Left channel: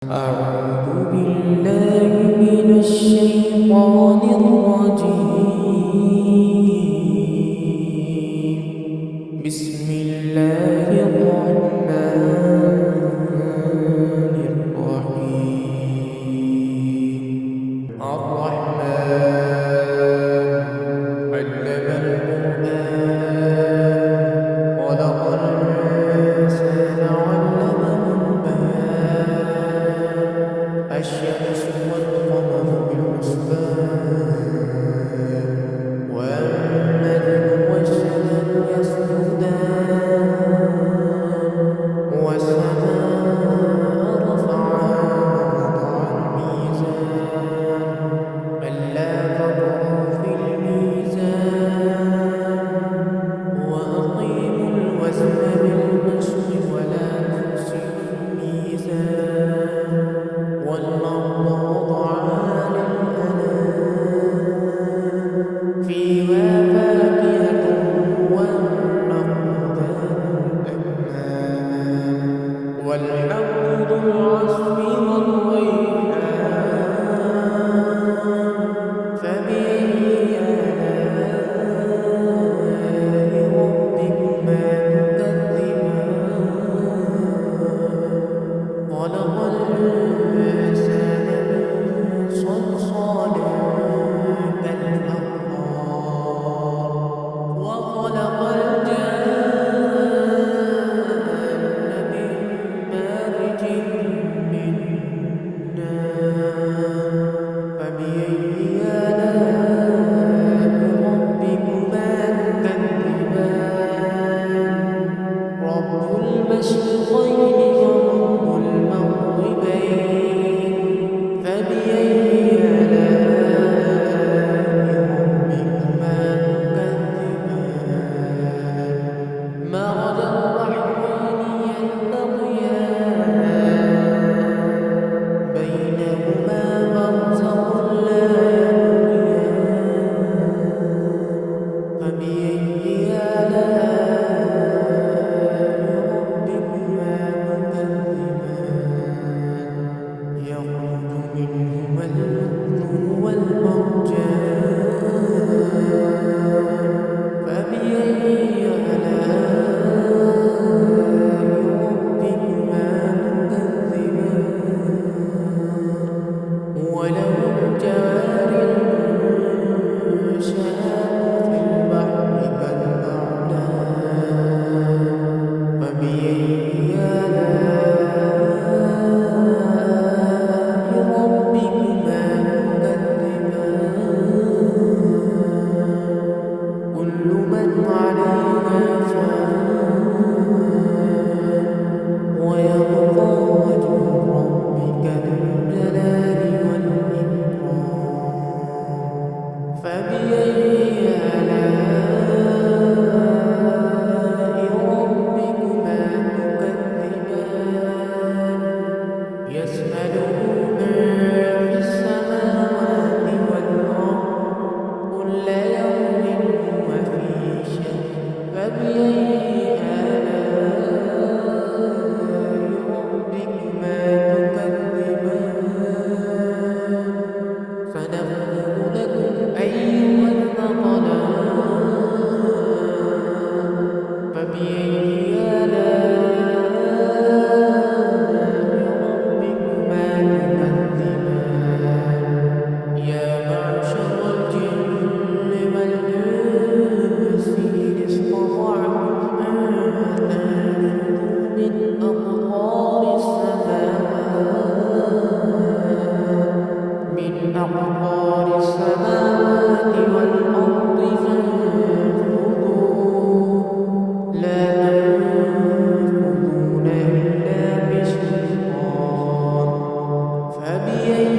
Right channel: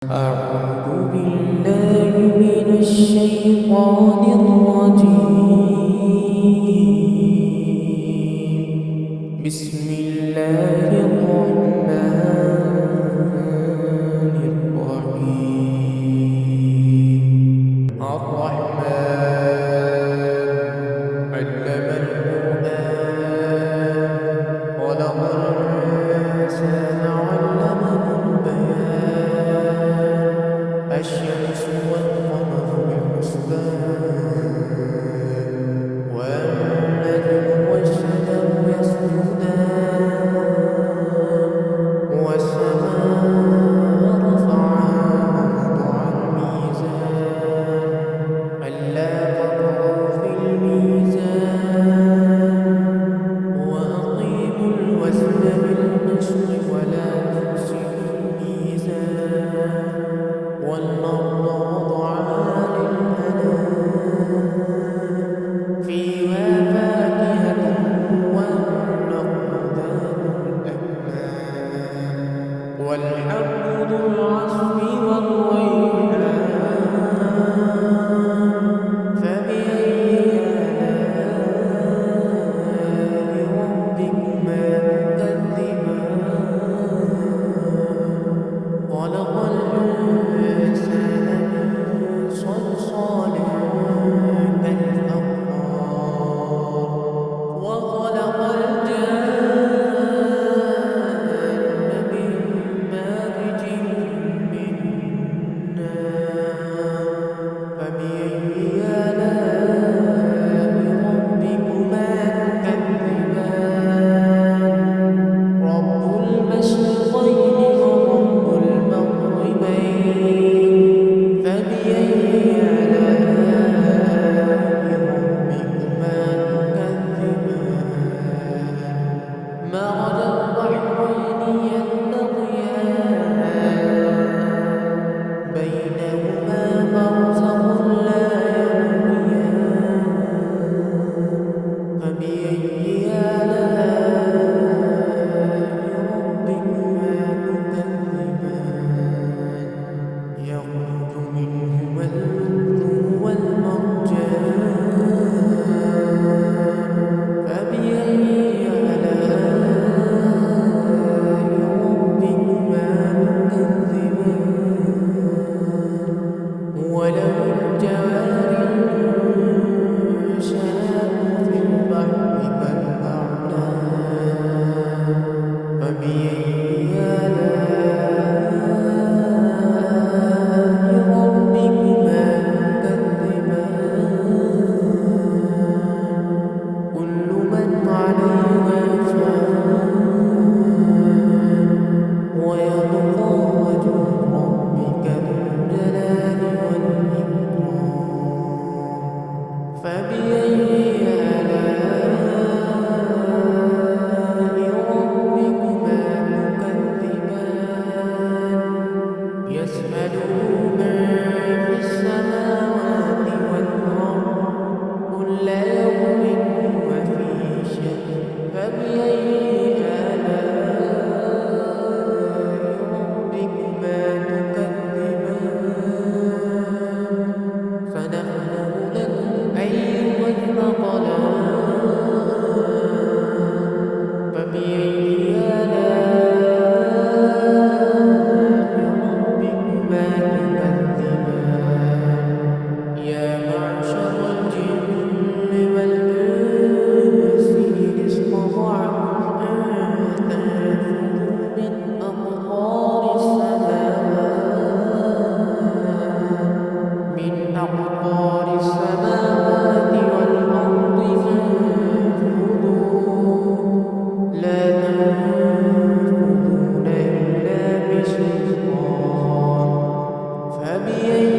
أعوذ بالله من الشيطان الرجيم. بسم الله الرحمن الرحيم. الرحمن علم القرآن خلق الإنسان علمه البيان. الشمس والقمر بحسبان والنجم والشجر يسجدان والسماء رفعها ووضع الميزان ألا تطغوا في الميزان وأقيموا الوزن بالقسط ولا تخسروا الميزان والأرض وضعها للأنام فيها فاكهة والنخل ذات الأكمام والحب ذو العصف والريحان فبأي آلاء ربكما تكذبان خلق الإنسان من صلصال كالفخار وخلق الجان من مارج من نار فبأي آلاء ربكما تكذبان رب المشرقين ورب المغربين فبأي آلاء ربكما تكذبان مرج البحرين يلتقيان بينهما برزخ لا يبغيان فبأي آلاء ربكما تكذبان يخرج منهما اللؤلؤ والمرجان فبأي آلاء ربكما تكذبان وله الجوار المنشآت في البحر كالأعلام فبأي آلاء ربكما تكذبان كل من عليها فان ويبقى وجه ربك ذو الجلال والإكرام فبأي آلاء ربكما تكذبان يسأله من في السماوات والأرض كل يوم هو في شأن فبأي آلاء ربكما تكذبان سنفرغ لكم أيها الثقلان فبأي آلاء ربكما تكذبان يا معشر الجن والإنس إن استطعتم أن تنفذوا من أقطار السماوات والأرض فانفذوا لا تنفذون إلا بسلطان فبأي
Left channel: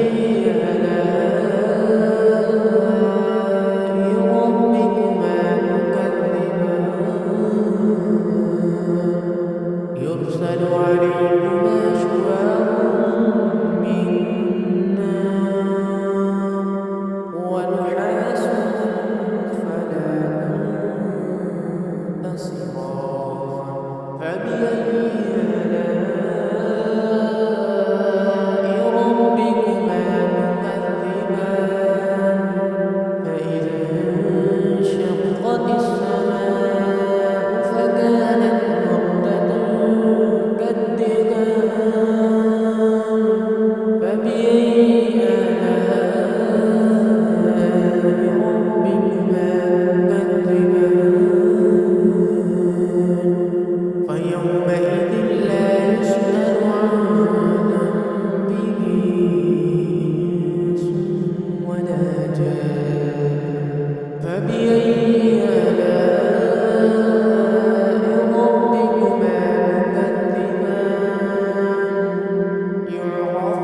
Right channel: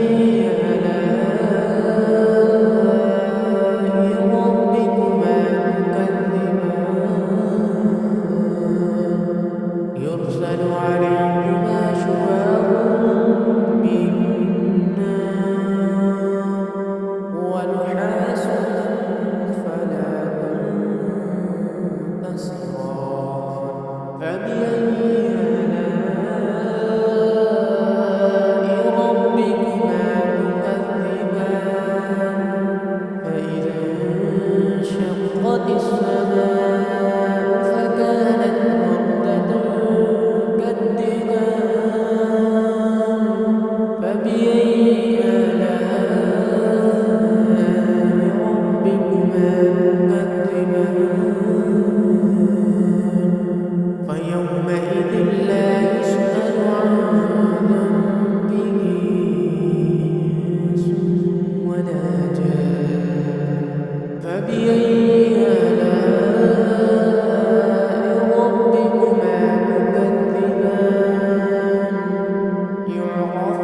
آلاء ربكما تكذبان يرسل عليكما شواظ من نار ونحاس فلا تنتصران فبأي آلاء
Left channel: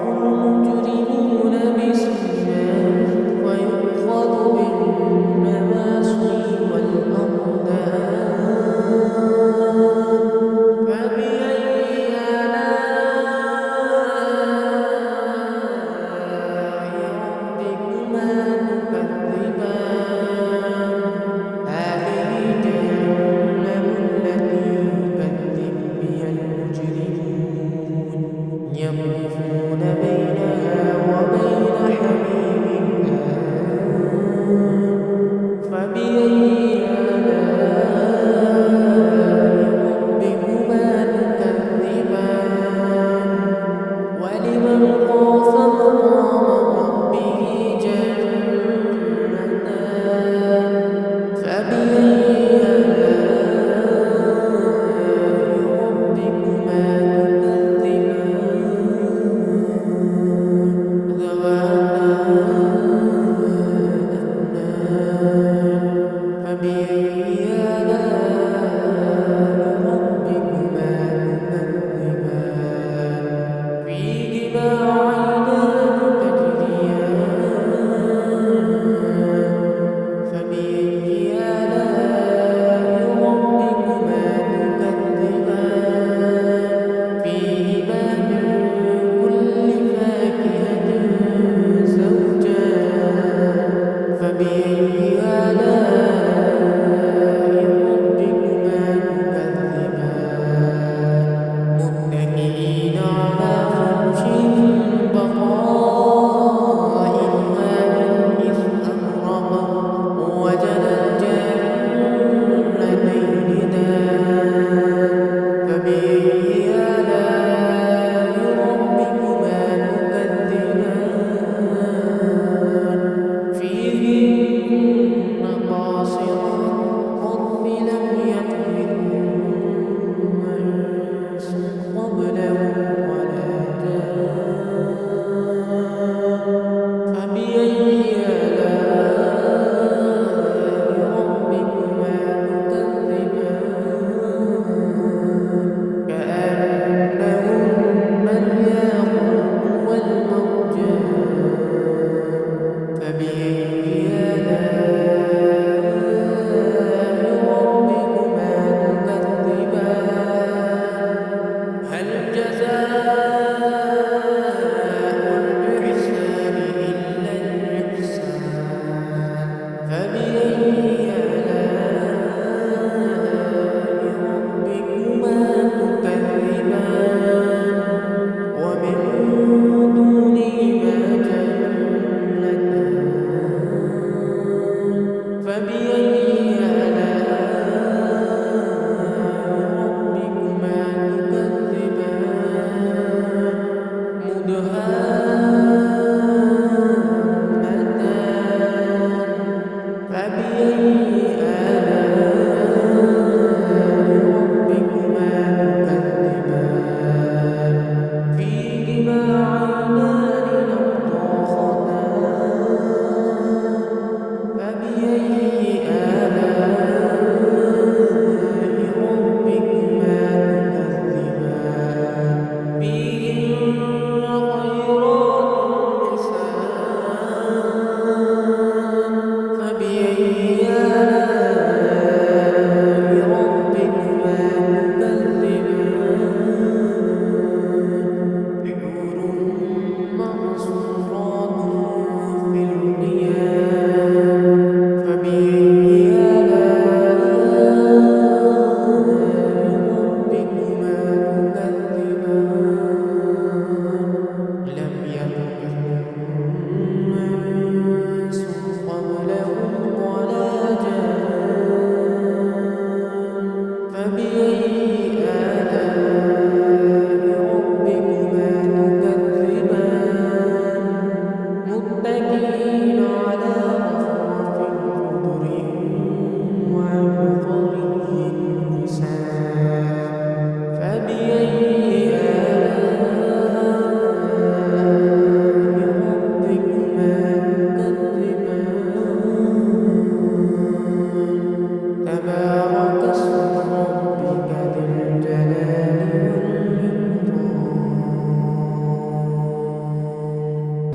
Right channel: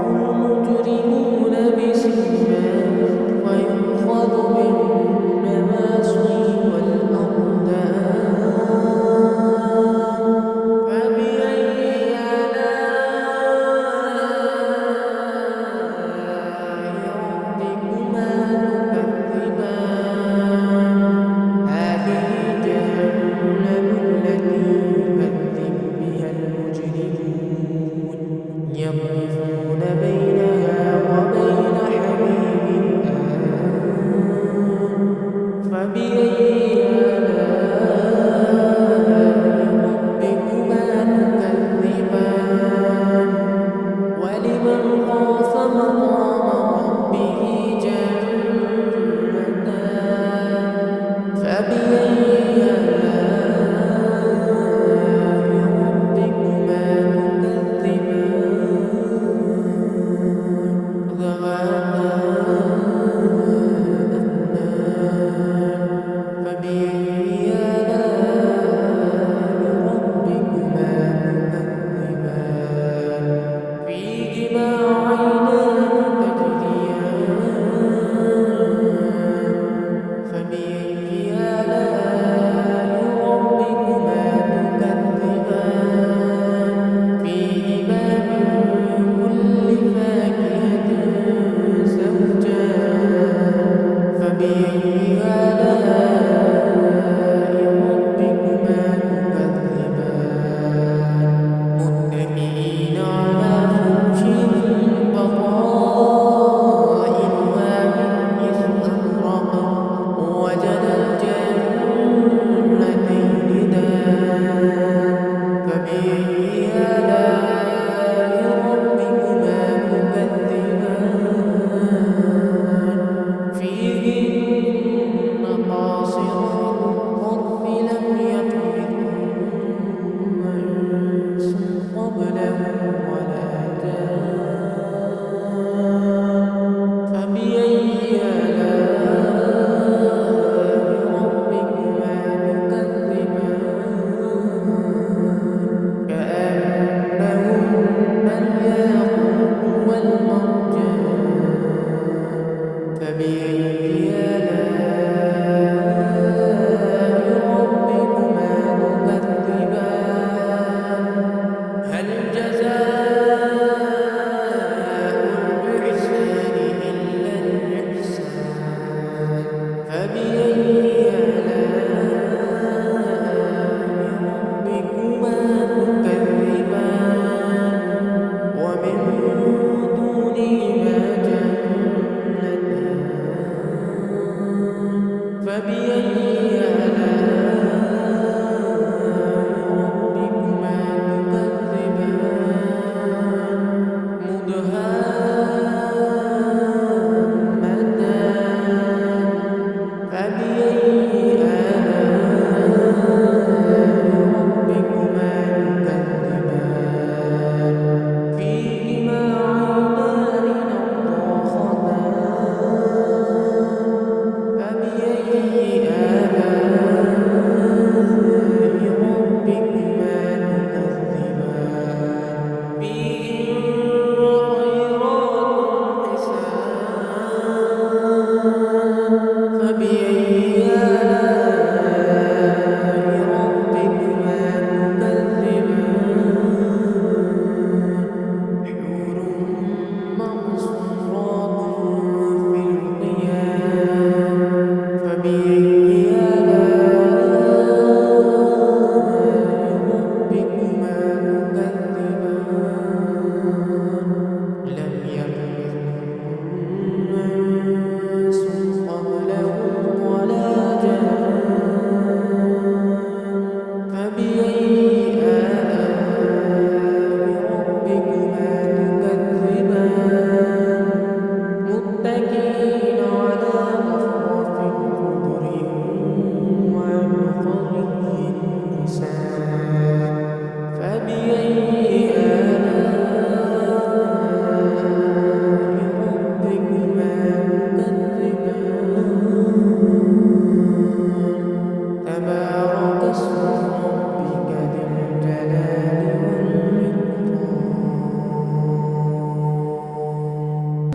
المجرمون بسيماهم فيؤخذ بالنواصي والأقدام فبأي آلاء ربكما تكذبان هذه جهنم التي يكذب بها المجرمون يطوفون بينها وبين حميم آن فبأي آلاء ربكما تكذبان ولمن خاف مقام ربه جنتان فبأي آلاء ربكما تكذبان ذواتا أفنان فبأي آلاء ربكما تكذبان فيهما عينان تجريان فبأي آلاء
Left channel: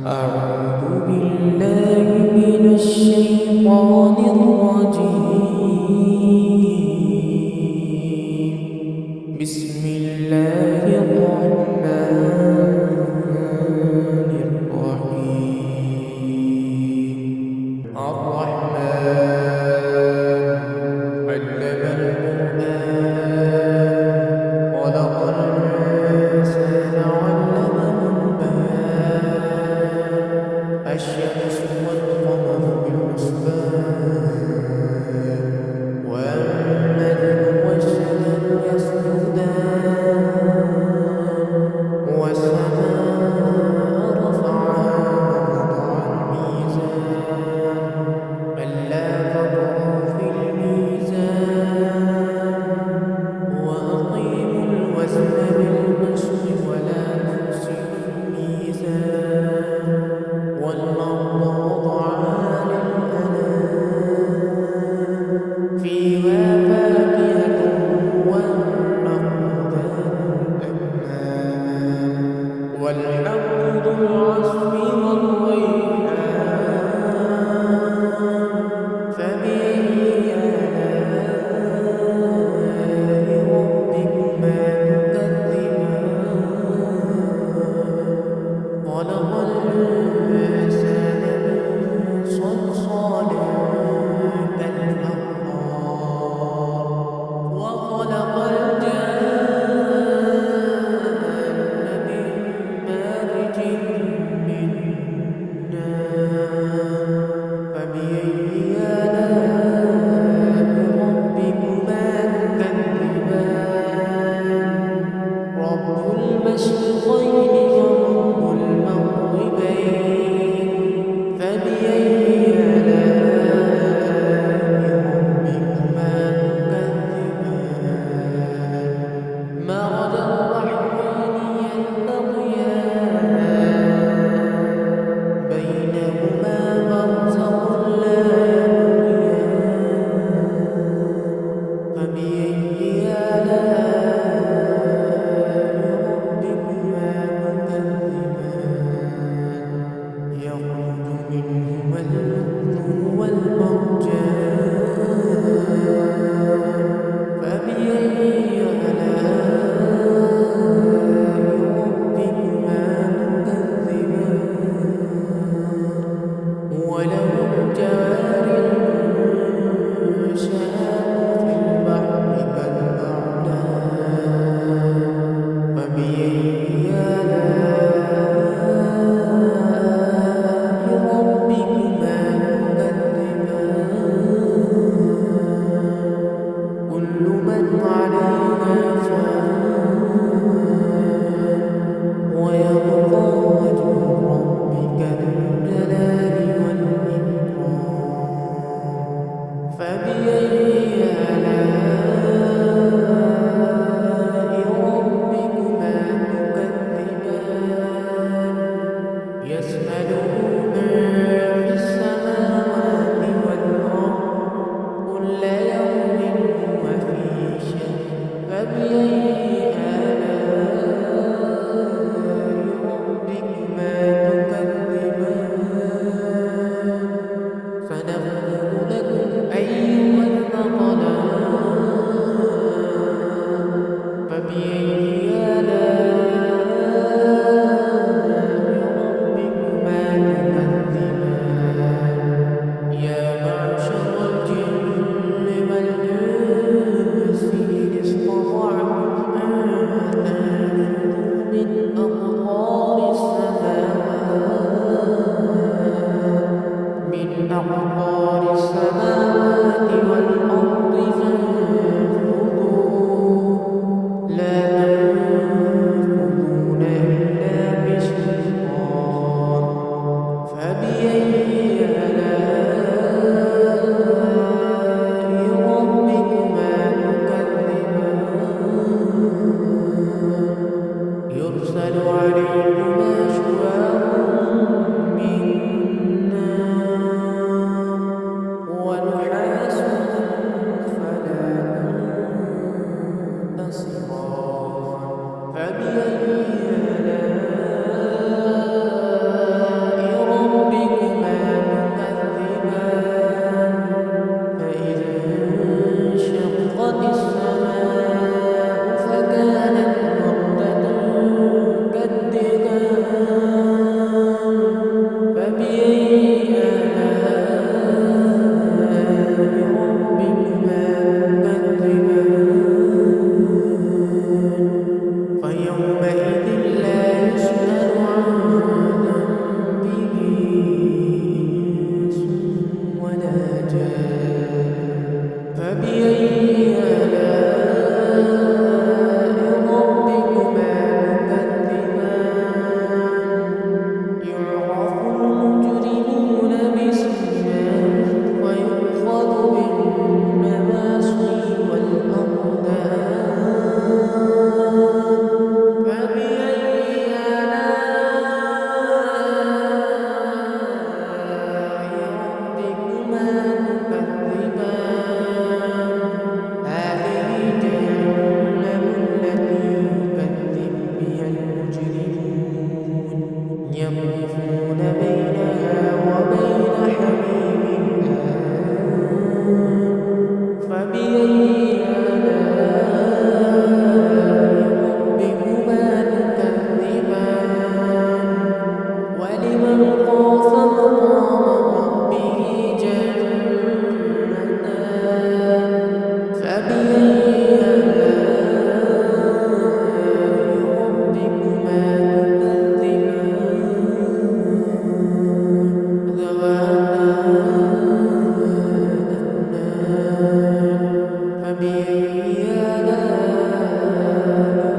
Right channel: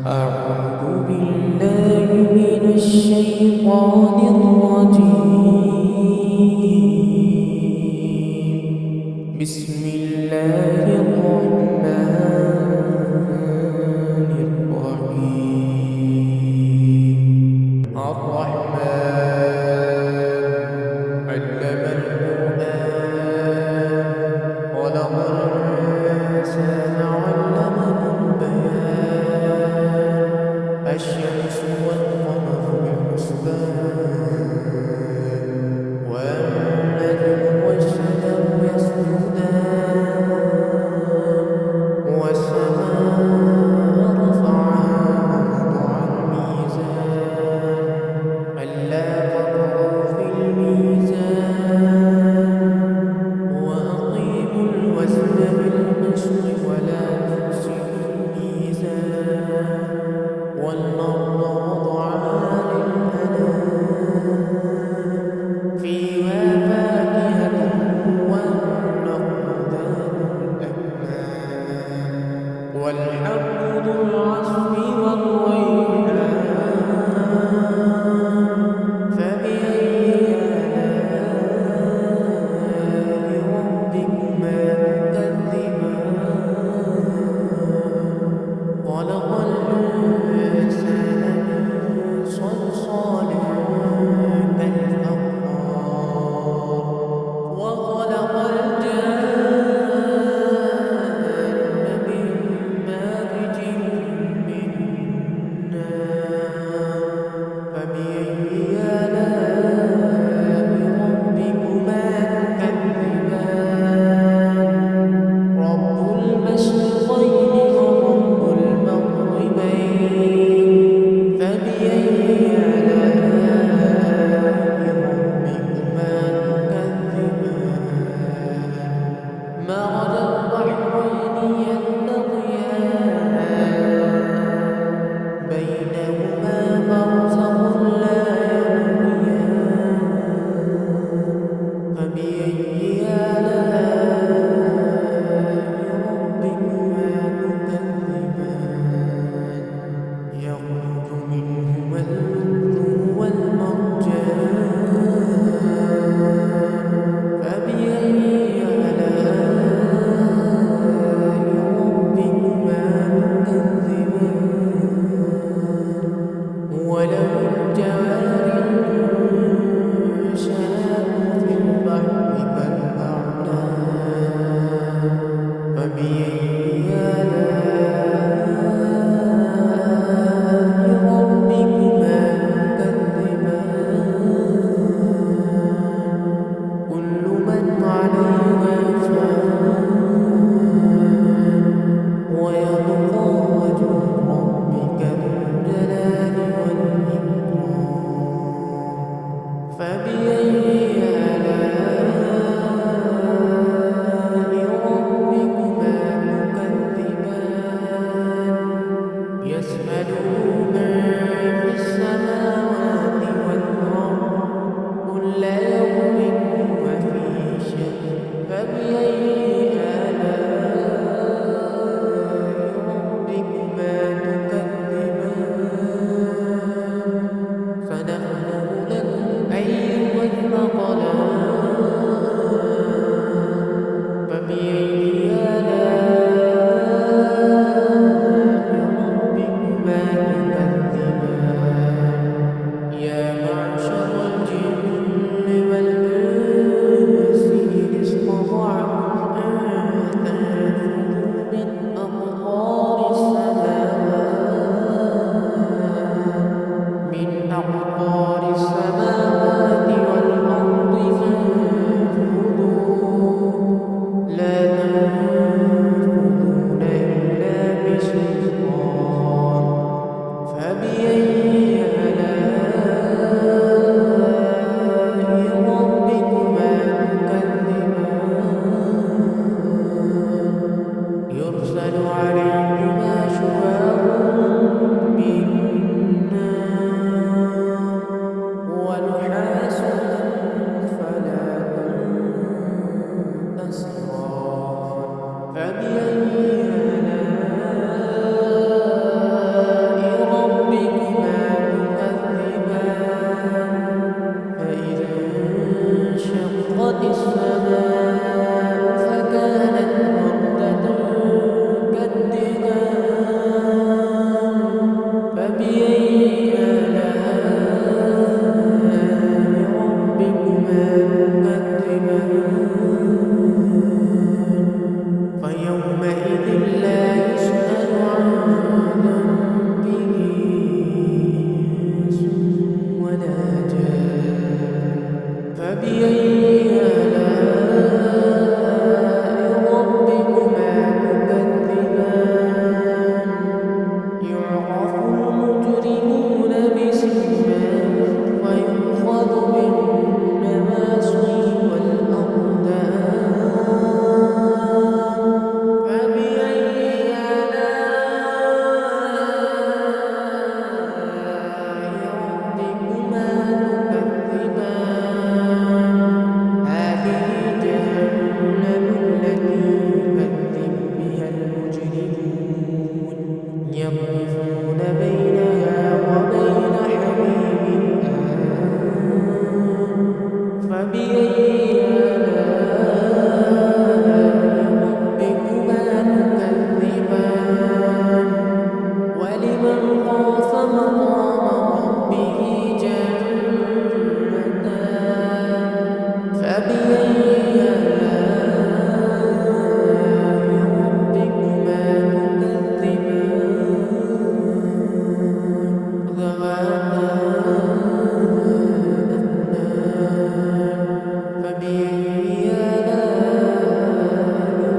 أعوذ بالله من الشيطان الرجيم. بسم الله الرحمن الرحيم. الرحمن علم القرآن خلق الإنسان علمه البيان. الشمس والقمر بحسبان والنجم والشجر يسجدان والسماء رفعها ووضع الميزان ألا تطغوا في الميزان وأقيموا الوزن بالقسط ولا تخسروا الميزان والأرض وضعها للأنام فيها فاكهة والنخل ذات الأكمام والحب ذو العصف والريحان فبأي آلاء ربكما تكذبان خلق الإنسان من صلصال كالفخار وخلق الجان من مارج من نار فبأي آلاء ربكما تكذبان رب المشرقين ورب المغربين فبأي آلاء ربكما تكذبان مرج البحرين يلتقيان بينهما برزخ لا يبغيان فبأي آلاء ربكما تكذبان يخرج منهما اللؤلؤ والمرجان فبأي آلاء ربكما تكذبان وله الجوار المنشآت في البحر كالأعلام فبأي آلاء ربكما تكذبان كل من عليها فان ويبقى وجه ربك ذو الجلال والإكرام فبأي آلاء ربكما تكذبان يسأله من في السماوات والأرض كل يوم هو في شأن فبأي آلاء ربكما تكذبان سنفرغ لكم أيها الثقلان فبأي آلاء ربكما تكذبان يا معشر الجن والإنس إن استطعتم أن تنفذوا من أقطار السماوات والأرض فانفذوا لا تنفذون إلا بسلطان فبأي آلاء ربكما تكذبان يرسل عليكما شواظ من نار ونحاس فلا تنتصران فبأي آلاء يطوفون بينها وبين حميم آن فبأي آلاء ربكما تكذبان ولمن خاف مقام ربه جنتان فبأي آلاء ربكما تكذبان ذواتا أفنان فبأي آلاء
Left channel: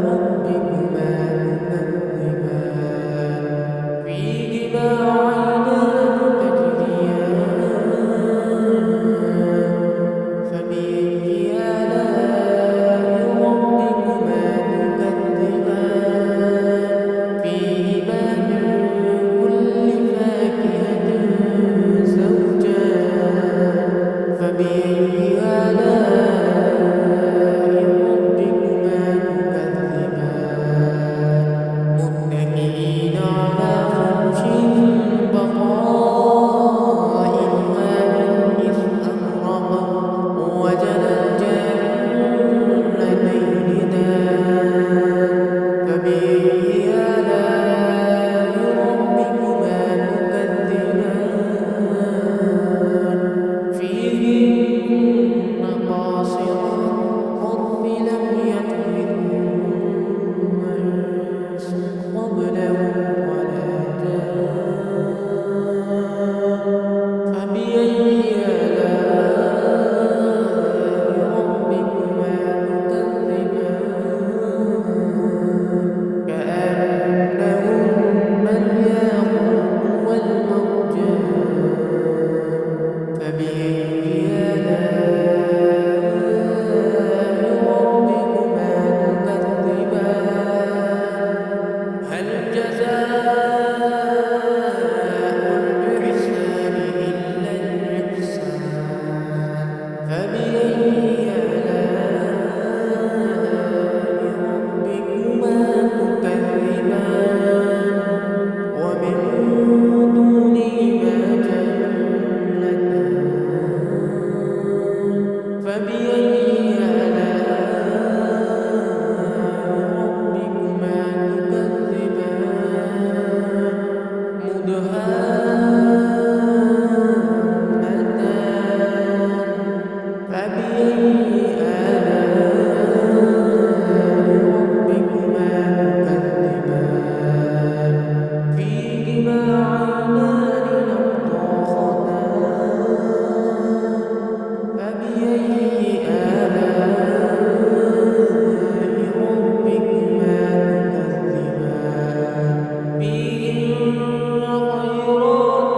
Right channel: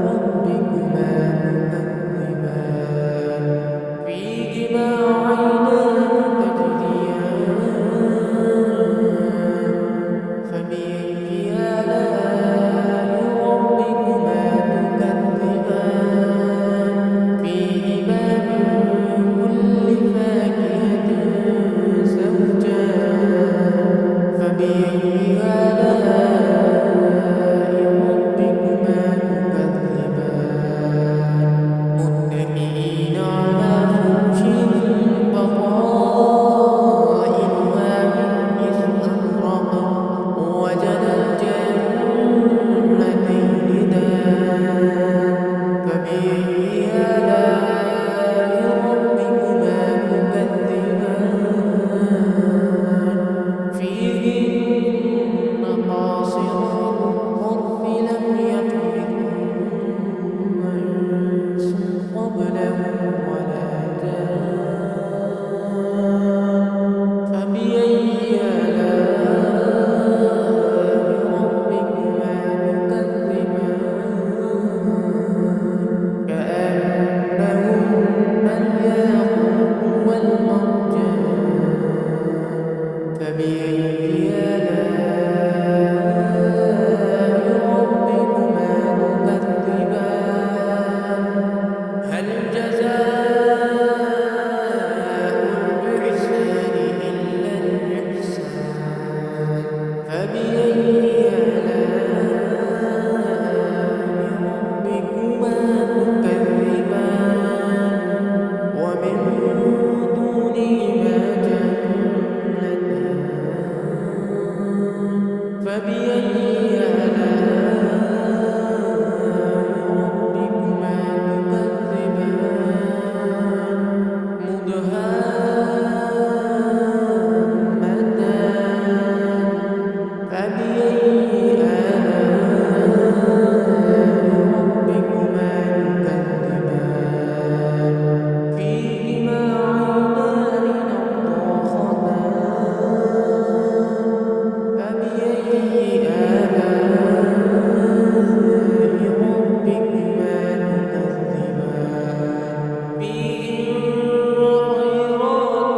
ربكما تكذبان فيهما عينان تجريان فبأي آلاء ربكما تكذبان فيهما من كل فاكهة زوجان فبأي آلاء ربكما تكذبان متكئين على فرش بطائنها من استبرق وجنى الجنتين دان فبأي آلاء ربكما تكذبان فيهن قاصرات الطرف لم يطمثهن إنس قبلهم ولا جان فبأي آلاء ربكما تكذبان كأنهن الياقوت والمرجان فبأي آلاء ربكما تكذبان هل جزاء الإحسان إلا الإحسان فبأي آلاء ربكما تكذبان ومن دونهما جنتان فبأي آلاء ربكما تكذبان مدهامتان فبأي آلاء ربكما تكذبان فيهما عينان نضاختان فبأي آلاء ربكما تكذبان فيهن خيرات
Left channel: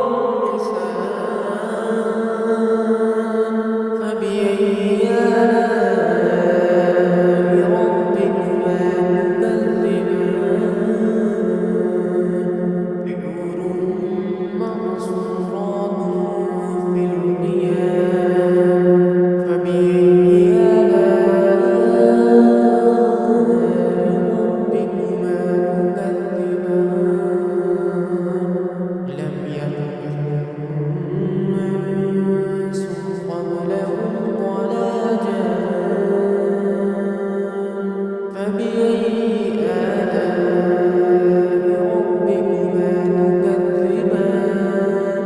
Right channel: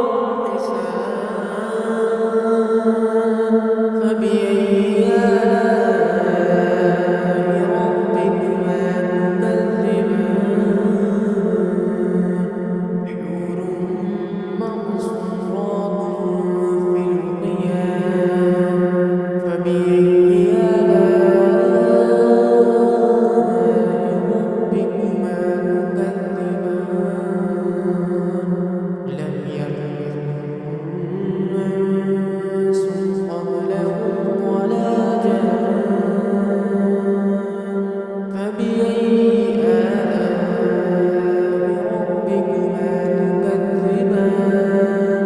حسان فبأي آلاء ربكما تكذبان حور مقصورات في الخيام فبأي آلاء ربكما تكذبان لم يطمثهن إنس قبلهم ولا جان فبأي آلاء ربكما تكذبان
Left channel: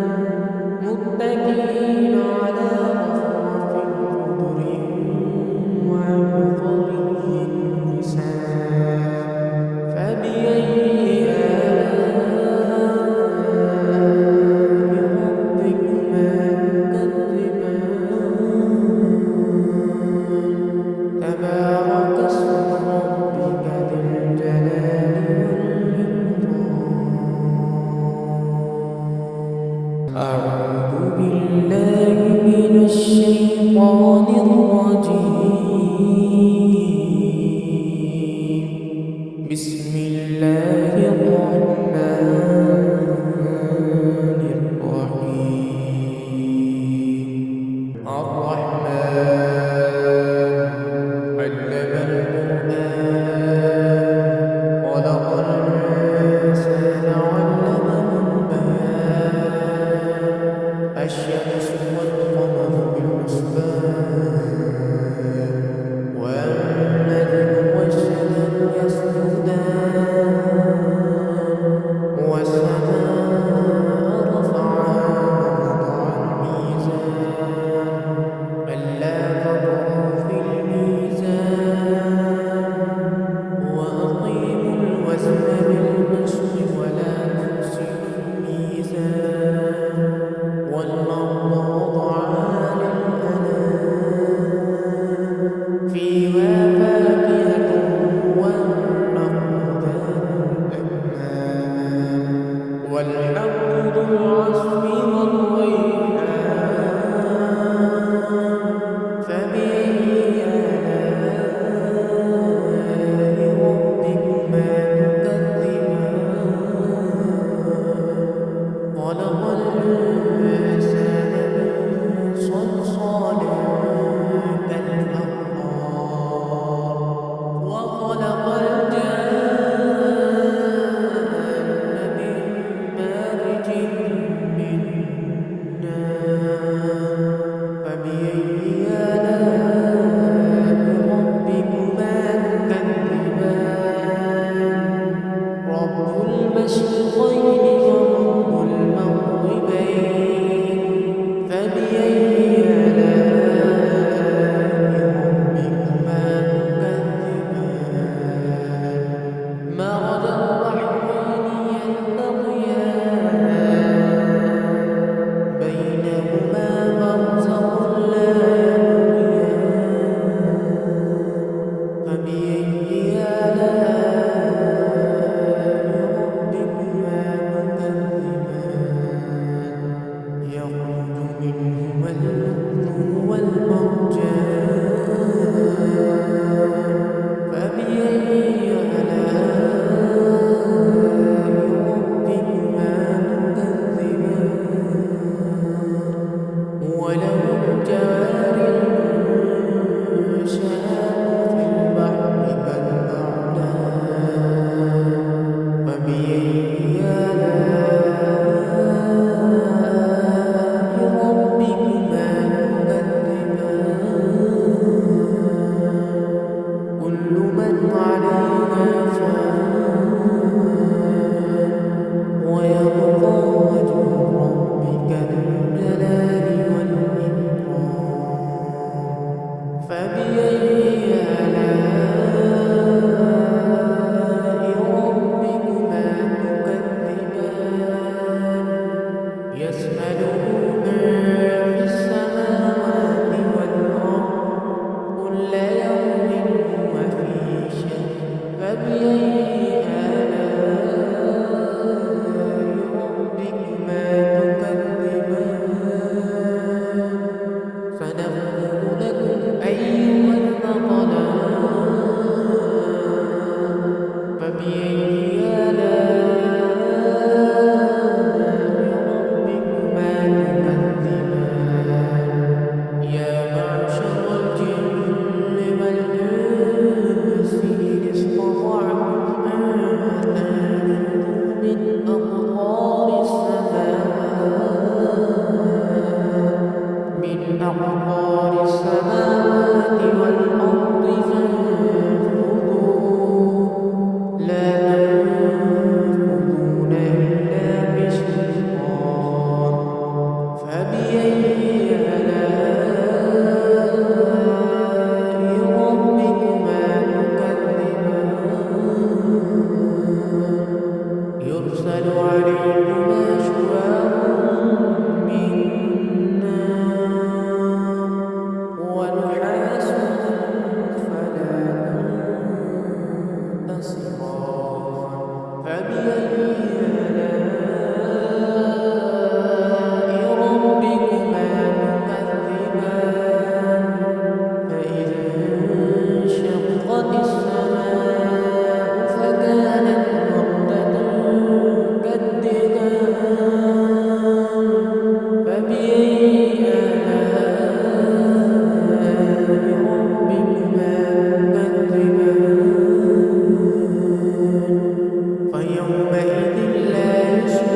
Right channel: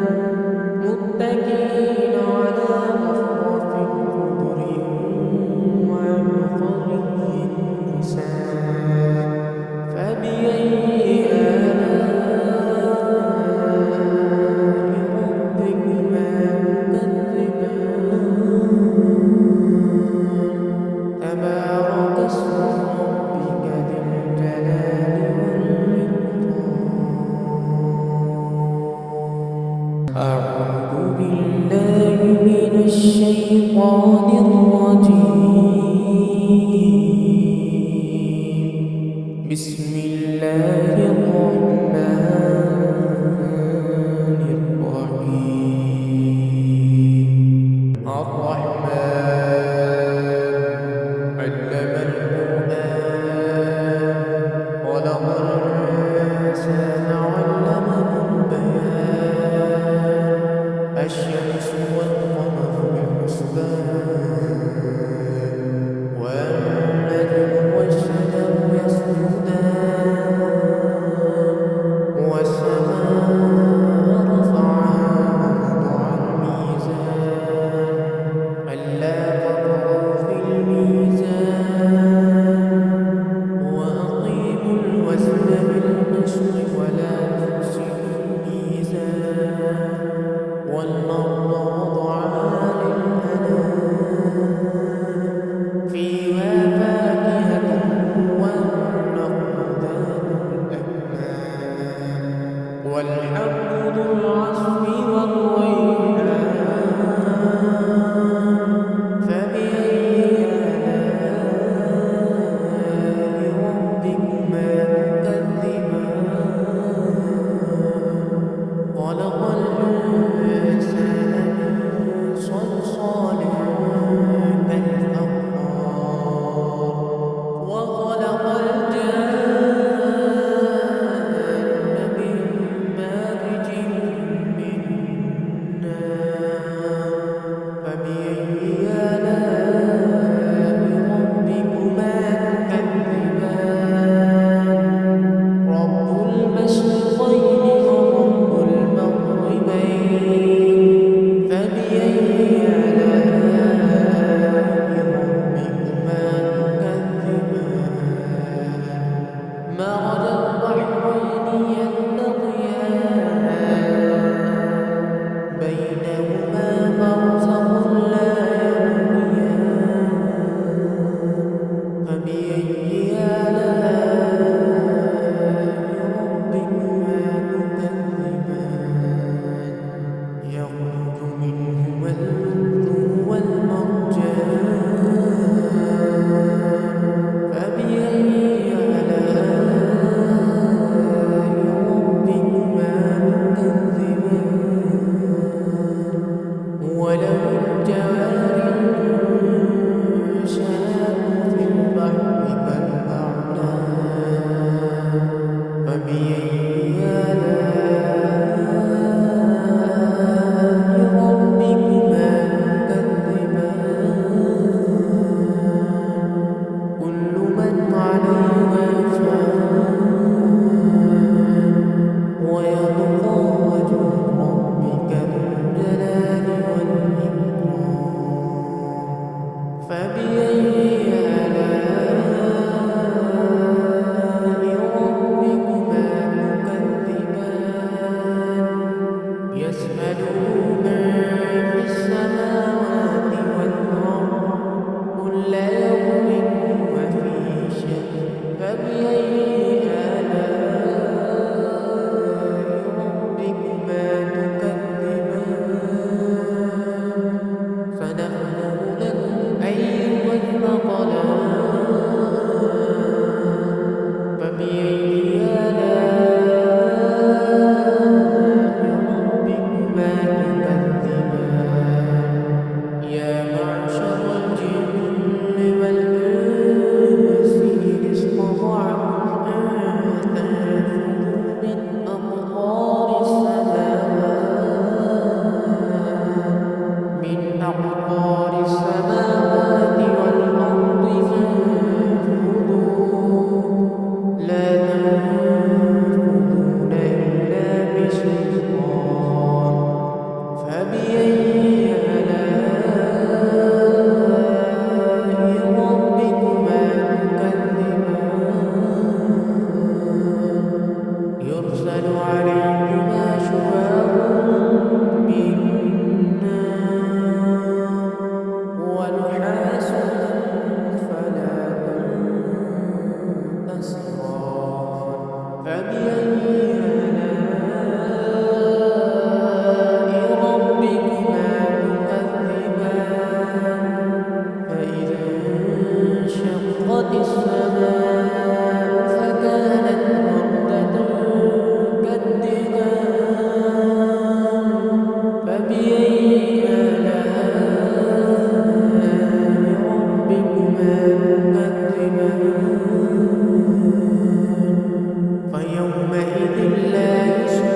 متكئين على رفرف خضر وعبقري حسان فبأي آلاء ربكما تكذبان تبارك اسم ربك ذي الجلال والإكرام أعوذ بالله من الشيطان الرجيم بسم الله الرحمن الرحيم الرحمن علم القرآن خلق الإنسان علمه الشمس والقمر بحسبان والنجم والشجر يسجدان والسماء رفعها ووضع الميزان ألا تطغوا في الميزان وأقيموا الوزن بالقسط ولا تخسروا الميزان والأرض وضعها للأنام فيها فاكهة والنخل ذات الأكمام والحب ذو العصف والريحان فبأي آلاء ربكما تكذبان خلق الإنسان من صلصال كالفخار وخلق الجان من مارج من نار فبأي آلاء ربكما تكذبان رب المشرقين ورب المغربين فبأي آلاء ربكما تكذبان مرج البحرين يلتقيان بينهما برزخ لا يبغيان فبأي آلاء ربكما تكذبان يخرج منهما اللؤلؤ والمرجان فبأي آلاء ربكما تكذبان وله الجوار المنشآت في البحر كالأعلام فبأي آلاء ربكما تكذبان كل من عليها فان ويبقى وجه ربك ذو الجلال والإكرام فبأي آلاء ربكما تكذبان يسأله من في السماوات والأرض كل يوم هو في شأن فبأي آلاء ربكما تكذبان سنفرغ لكم أيها الثقلان فبأي آلاء ربكما تكذبان يا معشر الجن والإنس إن استطعتم أن تنفذوا من أقطار السماوات والأرض فانفذوا لا تنفذون إلا بسلطان فبأي آلاء ربكما تكذبان يرسل عليكما شواظ من نار ونحاس فلا تنتصران فبأي آلاء ربكما تكذبان فإذا انشقت السماء فكانت وردة كالدهان فبأي آلاء ربكما تكذبان فيومئذ لا يسمع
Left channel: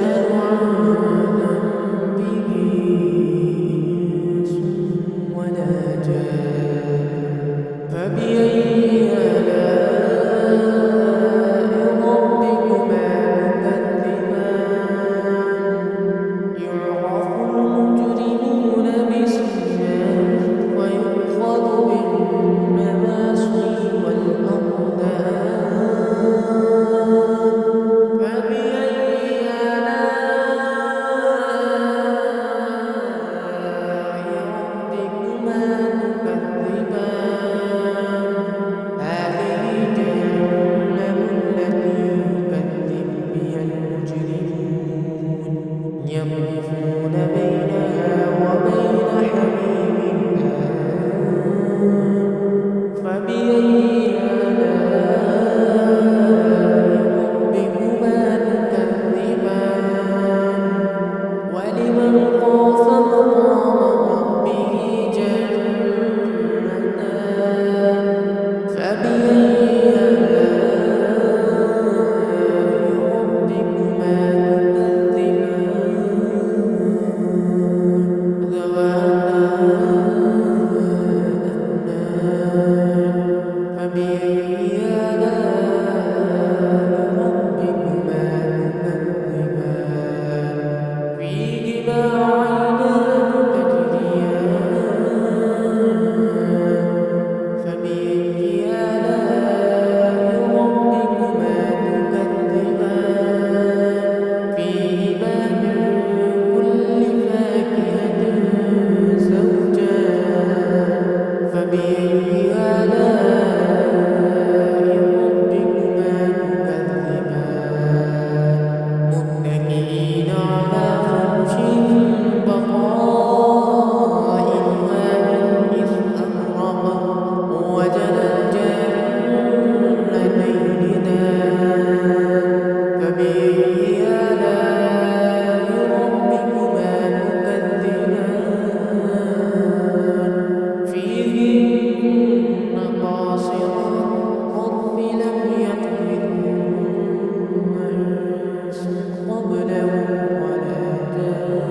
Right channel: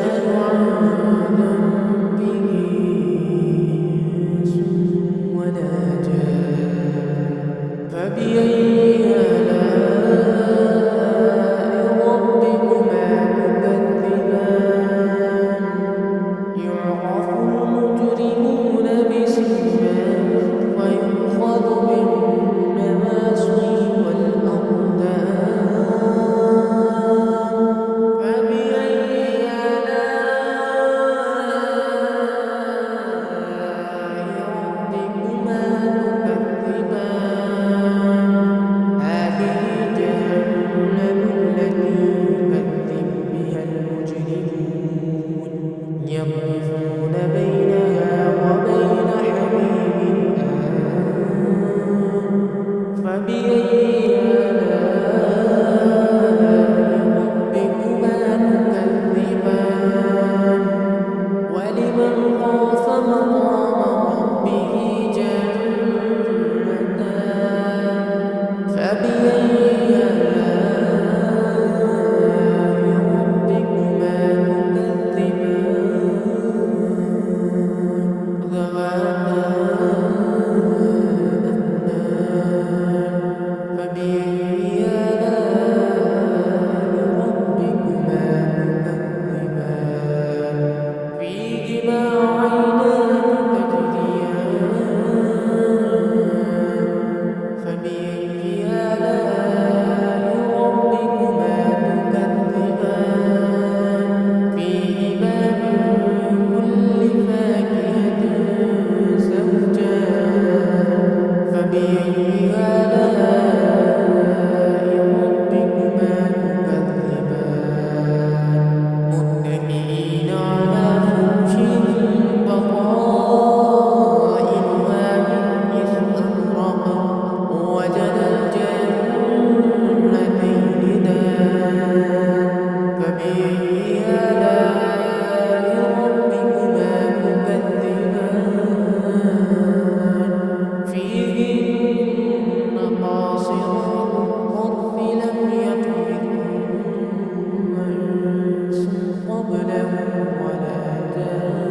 يطوفون بينها وبين حميم آن فبأي آلاء ربكما تكذبان ولمن خاف مقام ربه جنتان فبأي آلاء ربكما تكذبان ذواتا أفنان فبأي آلاء ربكما تكذبان فيهما عينان تجريان فبأي آلاء ربكما تكذبان فيهما من كل فاكهة زوجان فبأي آلاء ربكما تكذبان متكئين على فرش بطائنها من استبرق وجنى الجنتين دان فبأي آلاء ربكما تكذبان فيهن قاصرات الطرف لم يطمثهن إنس قبلهم ولا جان